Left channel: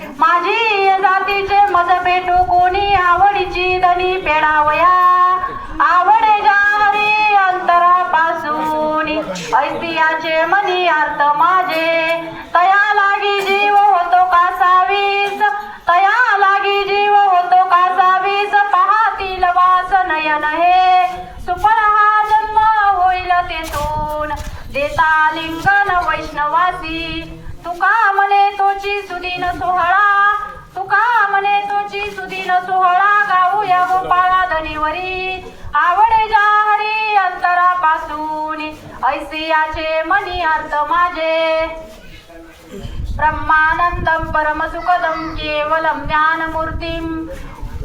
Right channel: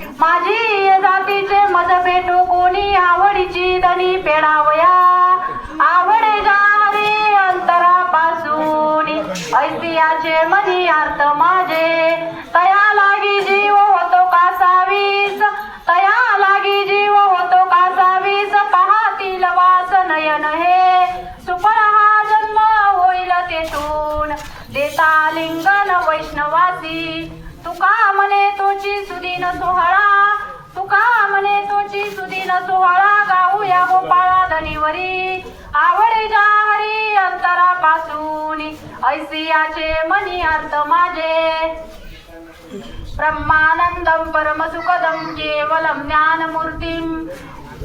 माझी जातीचे मज भेटू कोणी आवडीची दनी पेडावया आवडे जारी अंतरापासून ऐतिहाचे मनी अर्थ माझे तया लागी जीव होतो कासावीस तया लागी जीव होतो कासावीस पाहतील वास नयन हे सुपर हा जन्म होईल तेथून देता लिंगन वैष्णवासी तुका म्हणे तोची सुदीन सोहळा तुका म्हणे तोची सुदीन सोहळा गाऊया गोपाळा धनीवरी आवडे जाहरी अंतरापासून ऐसियाचे मनी अर्थ माझे ब्रह्मानंदम परमसुखदम केवलम ज्ञानमूर्तिम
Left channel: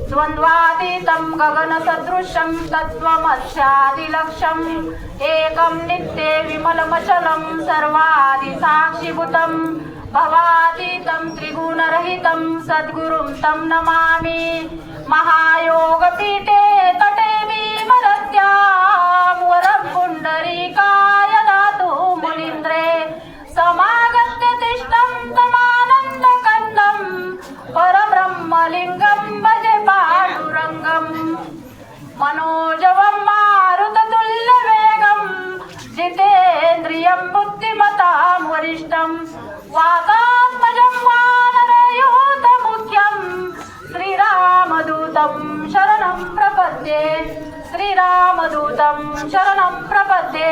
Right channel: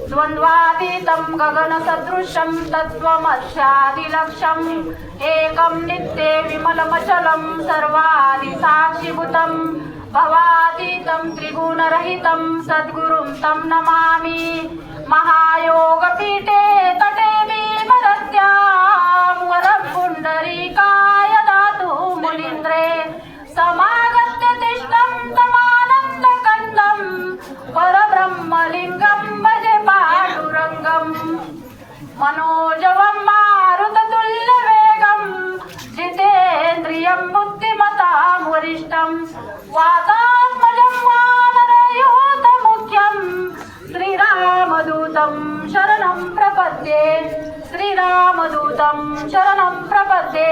द्वंद्वातीतं गगनसदृशं तत्त्वमस्यादिलक्ष्यम् एकं नित्ये विमलमचलं सर्वादिसाक्षिभूतं भवातीतं त्रिगुणरहितं सद्गुरुं तं नमामि महायोगपीठे तटे भीमरत्यां वरं पुण्डरीकाय दातु मुनीन्द्रे समागत्य तिष्ठं तमानन्दकन्दं परब्रह्मलिङ्गं भजे पाण्डुरङ्गं मनोजवं मारुततुल्यवेगं जितेन्द्रियं बुद्धिमतां वरिष्ठं वातात्मजं वानरयूथमुख्यं श्रीरामदूतं शरणं प्रपद्ये श्रीरामदूतं शरणं प्रपद्ये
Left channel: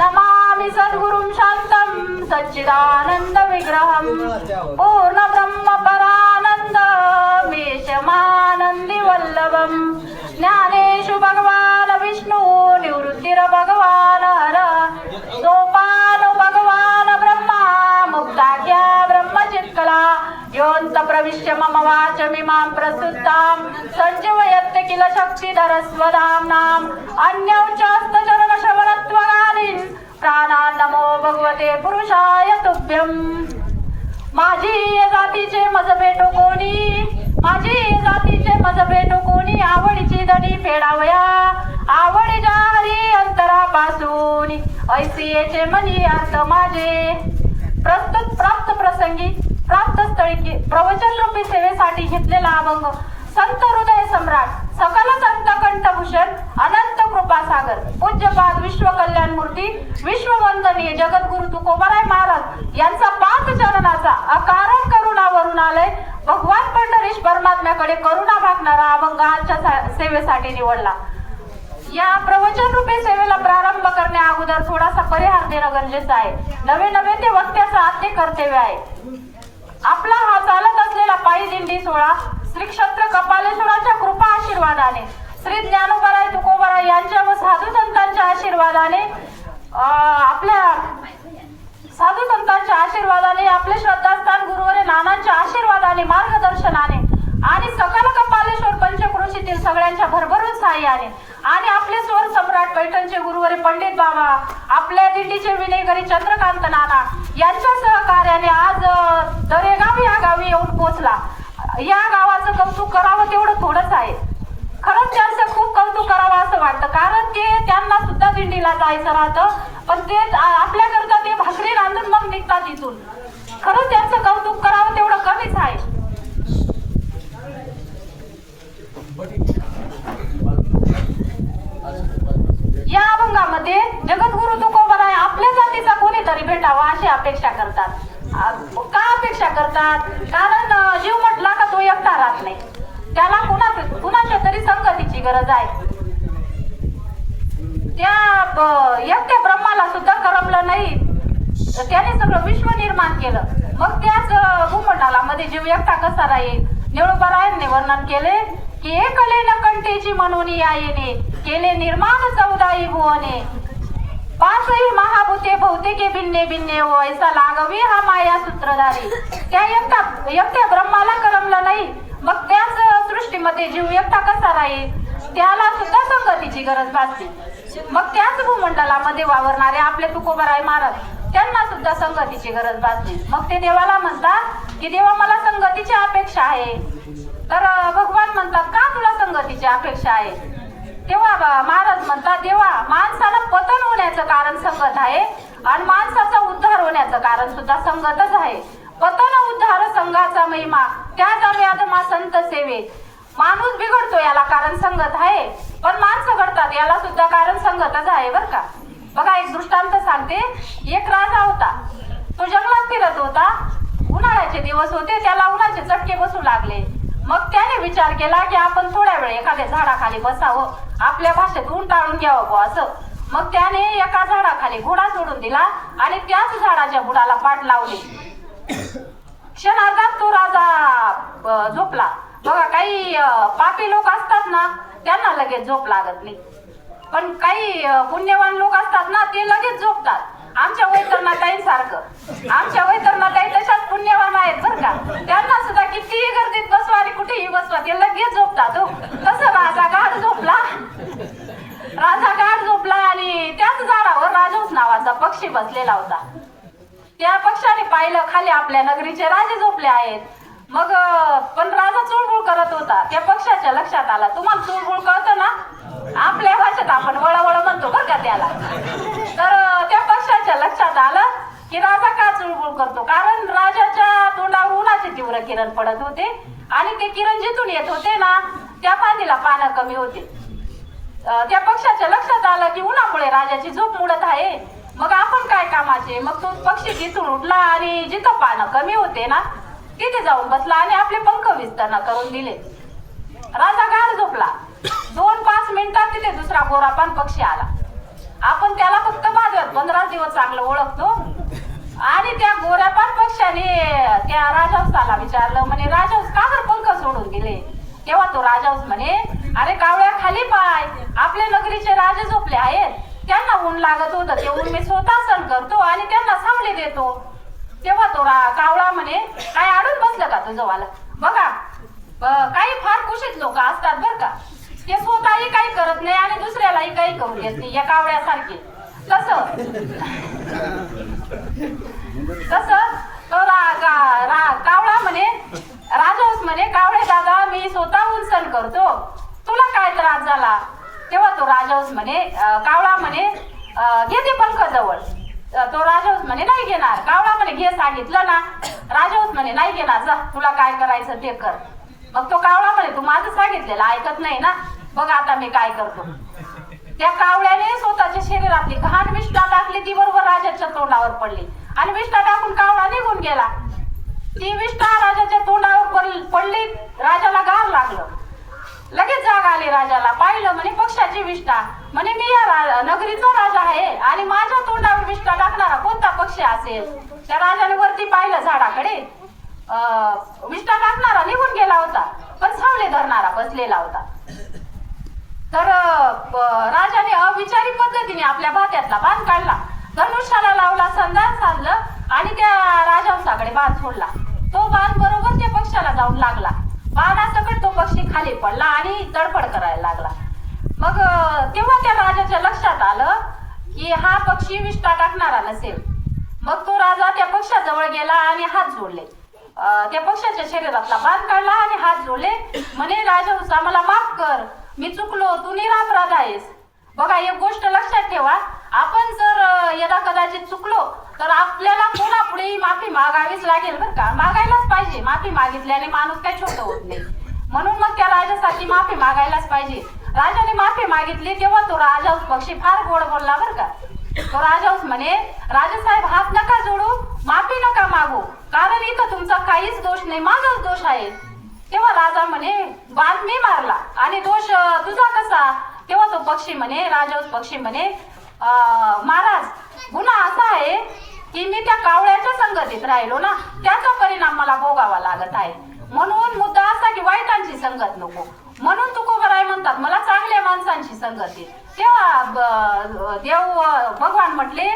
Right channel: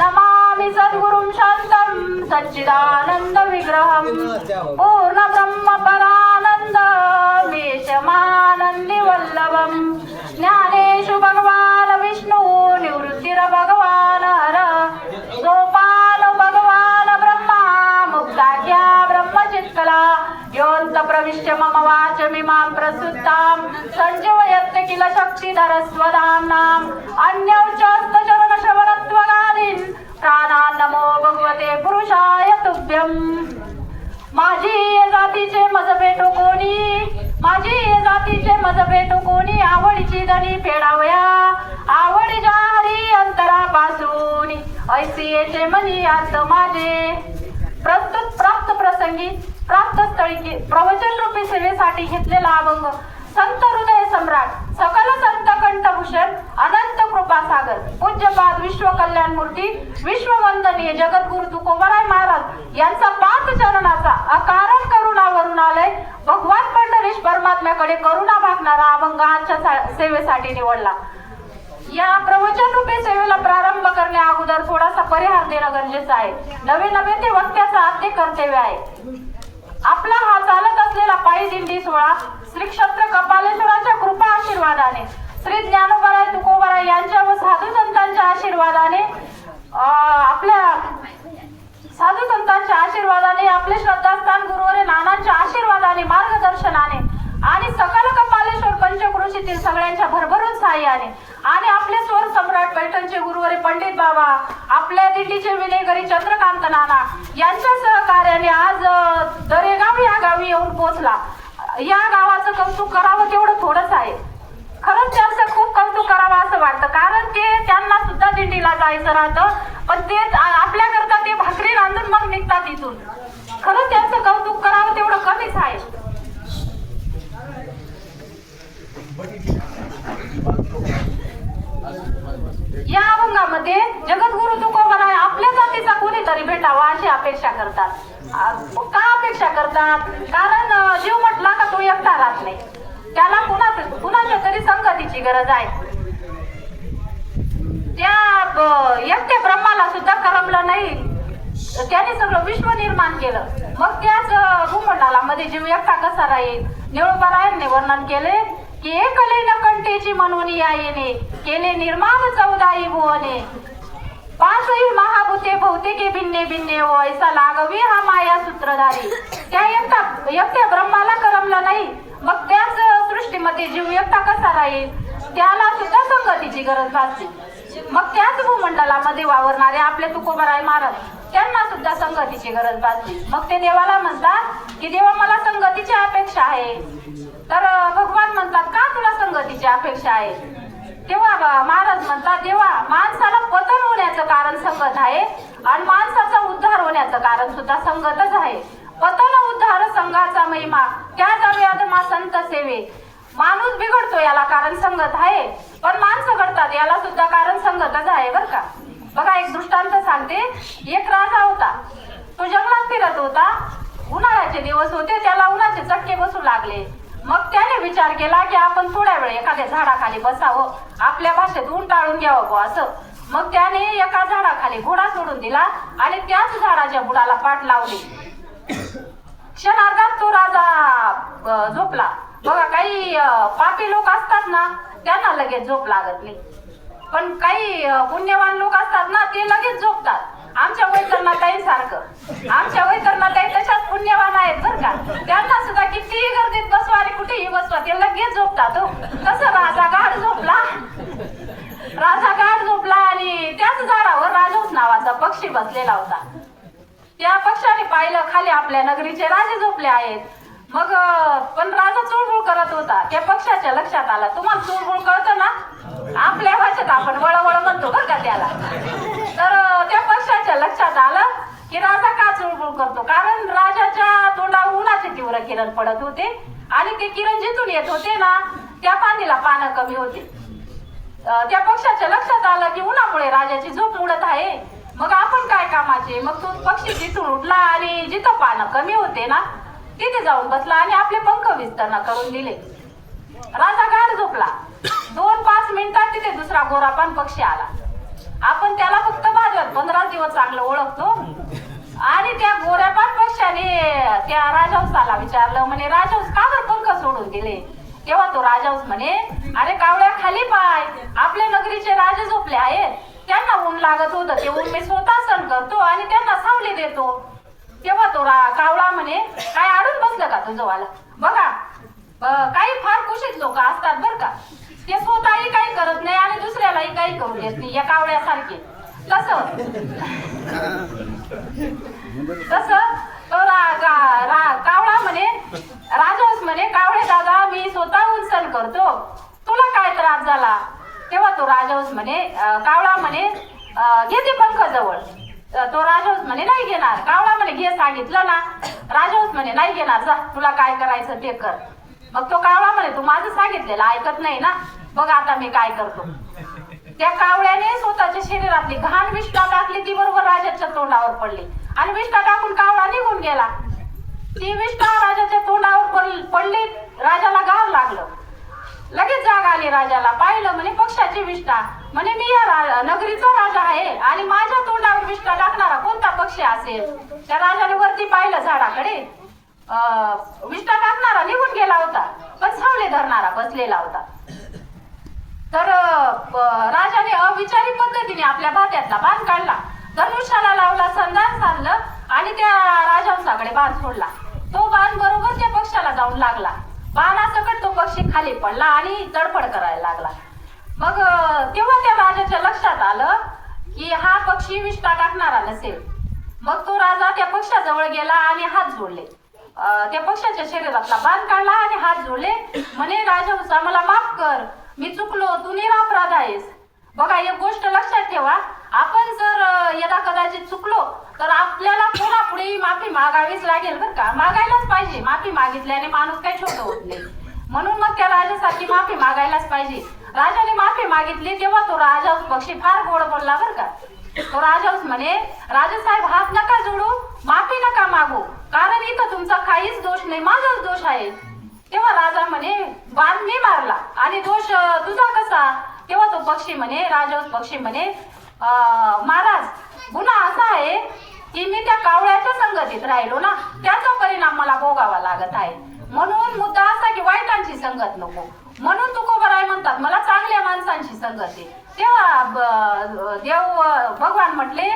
नमामि सद्गुरुं शान्तं सच्चिदानन्दविग्रहं पूर्णब्रह्मपरानन्दमेशमानन्दिवल्लभं ज्ञानेषु भगवान् विष्णु निवृत्तिर्भगवान् हर सोपान भगवान् ब्रह्मा मुक्ताख्या ब्रह्मचित्कला योऽन्त प्रविश्य मम वाचमिमां प्रसुप्तां सञ्जीवयत्य किल शक्तिधरस्वधाम्नाम् अन्यौचास्तचरणश्रवणत्वगादीन् प्राणान् नमो भगवते पुरुषाय तुभ्यं माझी जातीचे मज भेटो कोणी माझी जातीचे मज भेटो कोणी आवडीची दनी फेडावया आवडी जाहरी अंतरापासून ऐसियेचे मनी अर्थ माझे प्रस्तुत प्राप्त प्रसंगी प्राप्त स्थळी प्रवचन रूपी सेवेसाठी घेतलेला अभंग संत हृदय सम्राट सकल संत कंठभूषण अनंत कृपासागर पूज्यपाद विश्व कल्याण मूर्ती विश्ववंदनीय जगद्गुरु तुकोबाराय महाराज यांचा पाच चरणाचा अकारण करुणावरून आलय भगवान पंढरीश परमात्म्याकडे करुणा भागणारा अभंग आजच्या सेवेसाठी निवडला। या प्रवचन रूपी सेवेला प्रारंभ करण्या अगोदर थोडासा परिहार देणं गरजेचं आहे। नवे नवे ते वक्त्याचं आद्य कर्तव्य आहे। आपला हा चालत असलेला पायी दिंडी सोहळा श्री क्षेत्र कपालेश्वराच्या कृपा आशीर्वादाने श्री ज्ञानोबराय तुकोबाराय यांच्या व साधू संतांच्या आशीर्वादाने आपल्या साधू संतांच्या आशीर्वादाने आपले श्रद्धास्थान गुरुवरे नानांच्या आशीर्वादाने मार्गदर्शनाने आणि सकल कपालेश्वर पंचक्रोशीतील सगळ्यांच्या भरभरून सहाय्याने आणि आपले स्वर सम्राट पैठणचे गुरुवरे पंडित बाबा आपल्या दिंडीचे विनेकरी चंद्रकांत नाना यांच्या सहकार्याने आज दरेगाव या गावी येऊन पोहोचला। या गावाचं कौतुक करावं तेवढं थोडंच आहे। खरंच त्यांचं खूप कौतुक करावं असं वाटतं, कारण ते त्यांना सुद्धा दिंडीला जायचं राहतं, पण ते आपल्याकरता ते भाकरी रांधून मग निघतात इथून। खरंच त्यांचं कौतुक करावं तेवढं कमीच आहे। या अभंगामध्ये जगद्गुरु तुकोबाराय आपल्या जातीचा कोणीतरी भेटावा अशी अपेक्षा करतात। का अपेक्षा करतात? कारण जीव म्हटला का तो एकटा राहत नाही, त्याला कुणाच्या तरी संगतीची गरज आहे। त्या एकट्या ब्रह्माला सुद्धा करमलं नाही, त्याने सगळं विश्व निर्माण केलं, मग त्याच भूमंडलामध्ये जीव एकटा कसा राहील? निळोबारायांनी वर्णन केले की एकले नकंटेची म्हणून यायेने केले निर्माण 14 भुवने पाचही महाभूते भौतिके भिन्ने भिन्ने व ऐसा लागवी हा माया सूत्रधारी। त्या एकट्या ब्रह्माला करमला नाही, मग त्याच सृष्टीमध्ये जीव एकटा कसा राहील? त्याला सुद्धा संगतीची गरज भासते। मग त्याच भूमंडलामध्ये वावरणारे आपले तुकोबाराय महाराज त्यांना सुद्धा संगतीची गरज भासते। मग ते देवाला म्हणतात की देवा मला संगतीची अपेक्षा आहे। तर भगवान म्हणतात का तुला संगतीची अपेक्षा आहे? तेव्हा महाराज म्हणतात देवा माणसाला पतन होण्याचं कारण संगत आहे आणि माणसाचा उद्धार होण्याचं कारण सुद्धा संगतच आहे। पतन उद्धार संघाचा महिमा त्या जाऊयात मा संत सेवे. माणूस बिघडतो याला कारण संगत आहे, पण माणसं घडतात याला सुद्धा कारण संगतच आहे बर का. बघा एक दृष्टांत सांगते. एक राजा होता, तो जंगलात फिरत होता. उन्हाळ्याचे दिवस होते, त्याला उन्हाचे चटके बसू लागले. मग त्याने विचार केला की आपण थोड्या वेळ एखाद्या झाडाखाली बसावं, आपल्या भाषेत ऊन टाळून घ्यावं असं. मग त्याने एका झाडाखाली घोडा सोडून दिला आणि त्याच झाडाच्या बुडाला पाठ लावली. क्षणार्धात तो राजा झोपला. बघा काही पापी लोक असतात ना, त्यांना लगेच झोप लागत नाही, पण काही पुण्यवान लोक असतात ना, ते लगेच झोपतात. आमच्या वैतरणाताई सारखं, आमच्या वैतरणाताई तशाच पुण्यवान आहेत बर का. त्यांना सुद्धा कितीही गर्दीत बसवा आणि कुठेही बसवा, ते लगेच झोपतात. तसं राजा गाढ झोपला. राजा गाढ झोपला आणि त्याच झाडावर राजहंस नावाचा पक्षी बसलेला होता. त्या पक्षाने पाहिलं खाली आपल्या नगरीचे राजे झोपले आहेत. मग पण राजा चुळबुळ करत होता. त्या पक्षाच्या लक्षात आलं, तुम्हाला चुळबुळ कळतं ना, आपल्या भाषेत आपण वळवळ म्हणतो बरं का त्याला. तर त्या पक्षाच्या लक्षात आलं की राजा का चुळबुळ करतो, कारण राजाच्या तोंडावर उन्हाचे तीव्र किरण पडत होते आणि ते किरण जिथून येत होते ना, त्या फांदीला पानं कमी होते. त्या पक्षाच्या लक्षात आलं की उन्हामुळे राजाची झोप उडत आहे, मग आपण काय कामाचे. मग तो पक्षी जिथून उडला आणि जिथं पानं कमी होते ना, तिथे जाऊन बसला आणि आपले पंख विस्तारणा करून दिले. राजा गाढ झोपला. 2-5 मिनिटात तिथे दुसरा गोरापान पक्षी आला. आपण त्याला फक्त भाजवत 15 दिवस चांगलं ओळखतो. आणि त्या गोरापान पक्षाने त्या राजहंसाला विचारलं, म्हणे राजहंस का बरं पंख सोडून दिले. तेव्हा तो राजहंस म्हणे, अरे कावळ्या खाली पाय, आपल्या नगरीचे राजे झोपले आहेत, त्यांना ऊन लागत होतं, ते ऊन मी स्वतः सहन करतो आणि त्यांना सावली देतो. तेव्हा तो कावळा म्हणे, काय अडून बसलं का तुझं वाला. बघा काही फार कुशीत लोक असतात बर का, ते स्वतःही काही करत नाही आणि दुसऱ्यालाही काही करू देत नाही, या कावळ्यासारखे. तसं तो कावळा म्हणे, राजहंस म्हणे, कावळे दादा मी स्वतः ऊन सहन करतो, तुला काय त्रास झाला. तेव्हा तो राजहंस म्हणे, कावळा म्हणे घेते पंख जवळ. तो राजहंस म्हणे नाही घेणार. कावळा म्हणे घे सांगितलं ना. राजहंस म्हणे नाही घेणार, जा तुला काय करायचं ते कर. मग तो कावळा म्हणे तू माझं सांगितलेलं ऐकत नाही ना, बघ आता मी काय करतो. त्या कावळ्याने स्वतःच्या शरीरातली घाण विष्ठा टाकली, ती बरोबर राजाच्या तोंडावर पडली आणि विष्ठा टाकून कावळा निघून गेला. ती विष्ठा राजाच्या तोंडावर पडली. राजाला गार लागलं. लगेच जाग आली राजाला. पाहिलं म्हणे पक्षाची विष्ठा. म्हणे मी या नगरीचा राजा आहे आणि माझ्या तोंडावर विष्ठा टाकणारा कोणता पक्षी असेल. त्या राजाने वरती पाहिलं झाडाकडे. विष्ठा टाकणारा निघून गेला होता, पण सावली धरणारा बसलेला होता. तर राजाने अविचारी पद्धतीने आपल्या भात्यातला बाण काढला, धनुष्याला लावला, संधान साधलं आणि त्या राजहंसाकडे बाण सोडला. तो बाण बरोबर त्या पक्षाला जाऊन लागला. बाणासकट तो पक्षी खाली पडला आणि तडफड करायला लागला. मग तेव्हा त्या राजाच्या लक्षात आलं की हा पक्षी विष्ठा टाकणारा नसेल. मग तो राजा त्या पक्षाजवळ गेला आणि हात जोडले. त्या पक्षाच्या शरीरातला बाण काढला आणि हात जोडले. म्हणे राजहंसा मला माफ कर, मी चुकलो, तू निरपराध आहेस. बघा एक गोष्ट लक्षात ठेवा, आपण जर यदा कदाचित चुकलो तर आपल्याला कोणापुढे माफी मागावीच लागेल बरं का. मागायलाच पाहिजे. माफी मागितल्याने माणूस काही छोटं होत नाही. म्हणून मग त्या राजासाठी माफी मागायलाच पाहिजे. राजाने माफी मागितली तेव्हा तो राजहंस पक्षी फार गोड बोलला बरं का. तो राजहंस म्हणे राजासाहेब हात नका जोडू, माफी नका मागू, कारण इथं तुमचा काहीच दोष नाही, माझाच दोष आहे. तेव्हा राजा म्हणे बाण मी मारला आणि दोष तुझा कसा. तेव्हा तो पक्षी म्हणे, राजहंस पक्षी म्हणे, महाराज गुन्हा असा आहे की मी त्या कावळ्याच्या संगतीत राहिलो ना, त्याचा परिणाम मला भोगावा लागत आहे. म्हणून मुद्दा असा की वाईटांची संगत नको. म्हणून तुकोबराय म्हणतात मला चांगल्या माणसांची संगत आहे. तेव्हा देव भगवान म्हटले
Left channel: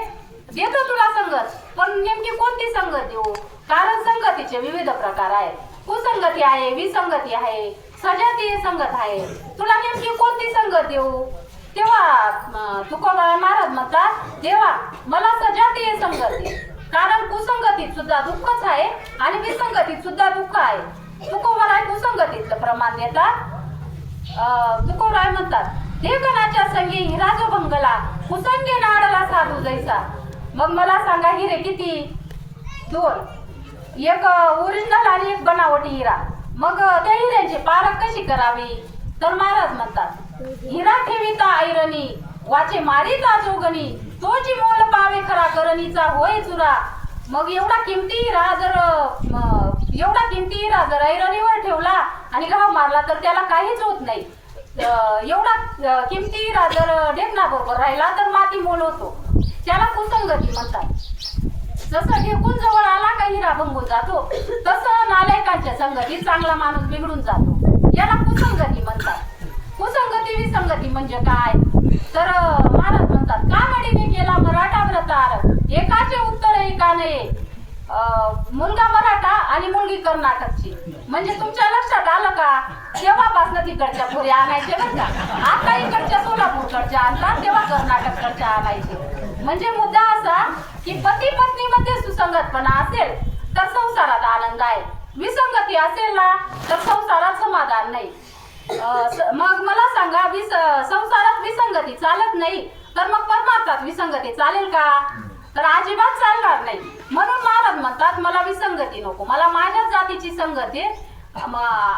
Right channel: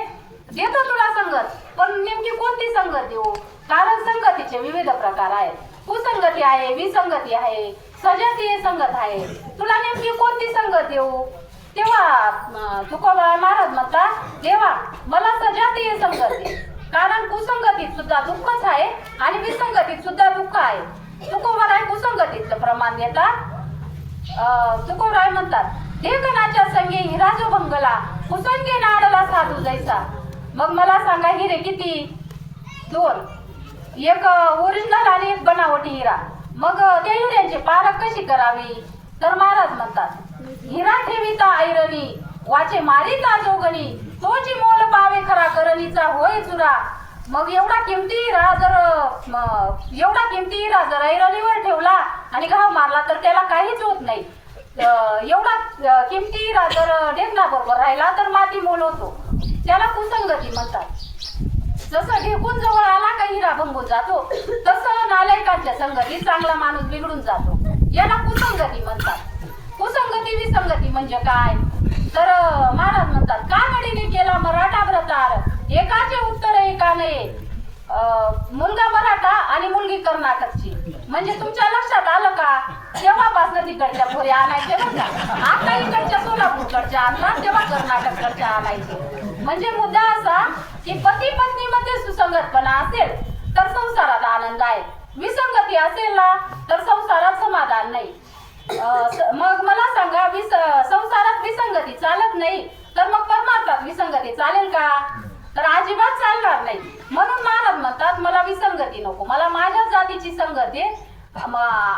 देतो तुला संगत, पण नेमकी कोणती संगत देऊ. कारण संगतीचे विविध प्रकार आहेत. कुसंगती आहे, विसंगती आहे, सजातीय संगत आहे. तुला नेमकी कोणती संगत देऊ. तेव्हा तुकोबराय महाराज म्हणतात देवा मला सजातीय संगत दे, कारण कुसंगतीत सुद्धा दुःखच आहे आणि विसंगतीत सुद्धा दुःख आहे. तुकोबराय कुसंगतीचं प्रमाण देतात. तुकोबराय म्हणतात देवगणाच्या संगे हिरा जो भंगला, कुसंगी नाडला साधू जैसा. मग मला सांगा हिरे किती. 2, एक ओरिजिनल आणि एक बनावट. हिरा. मग त्या हिऱ्यांची पारख कशी करावी तर महाराज म्हणतात, हिरा ठेविता ऐरणी वाचे मारिता जोगणी, तोची मोल पावे खरा करणीचा होय चुरा. मग एवढा किमती हिरा जर ऐरणीवर ठेवला आणि घाव मारला तर त्याला काहीच होत नाही. एवढा किमती हिरा जर ढेकणा बरोबर राहिला तर माती मोल होतो. त्याला कुसंगती म्हणतात. जसं ढेकून जवळ आला का हिरा भंगून जातो, तसं नालायकांच्या संगतीत चांगला माणूस बिघडून जातो. याला कुसंगती म्हणतात. कुसंगती विसंगती म्हणजे काय तर महाराज म्हणतात, कानडीने केला मराठा व्रतार, एकाचे उत्तर एका नये. मुलगा मराठा आणि मुलगी कर्नाटकची. म्हणजे तुमच्या लक्षात आलं का, तेव्हापासून तिकडच्या पुरी आणायचे बरं का. आता इकडच्या सोलापूरकडच्या आणतात, तेव्हा कर्नाटककडच्या आणायचे. म्हणजे मुद्दा असा की पती पत्नी मध्ये सुसंगतपणा असेल तर संसारात आनंद आहे, विसंगती असेल ना तर संसारात समाधान नाही. मग मला सांगा, संसारात विसंगती चालत नाही तर मग परमार्थात विसंगती चालेल का तर अजिबात चालणार नाही. म्हणून महाराज म्हणतात, मला विसंगती नको, मला माझ्या जातीची संगती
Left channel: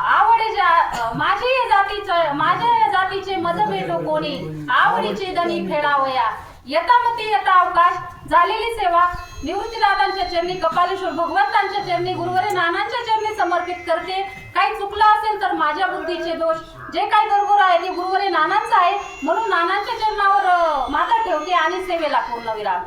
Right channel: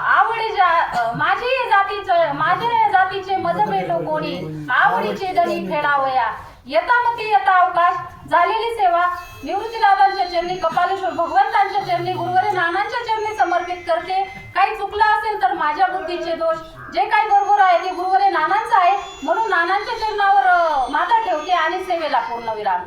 आवडीच्या, माझ्या जातीचे मज भेटो कोणी, आवडीचे दणी फेडावया. यथामती यथा अवकाश झालेली सेवा निवृत्तीदादांच्या चरणी, कपालेश्वर भगवंतांच्या चरणी, गुरुवारी नानांच्या चरणी समर्पित करते. काही चुकलं असेल तर माझ्या बुद्धीचे दोष, जे काही बरोबर आहे ते गुरुवारी नानांचं आहे, म्हणून नानांच्या चरणावर माथा ठेवते आणि सेवेला पूर्ण विराम.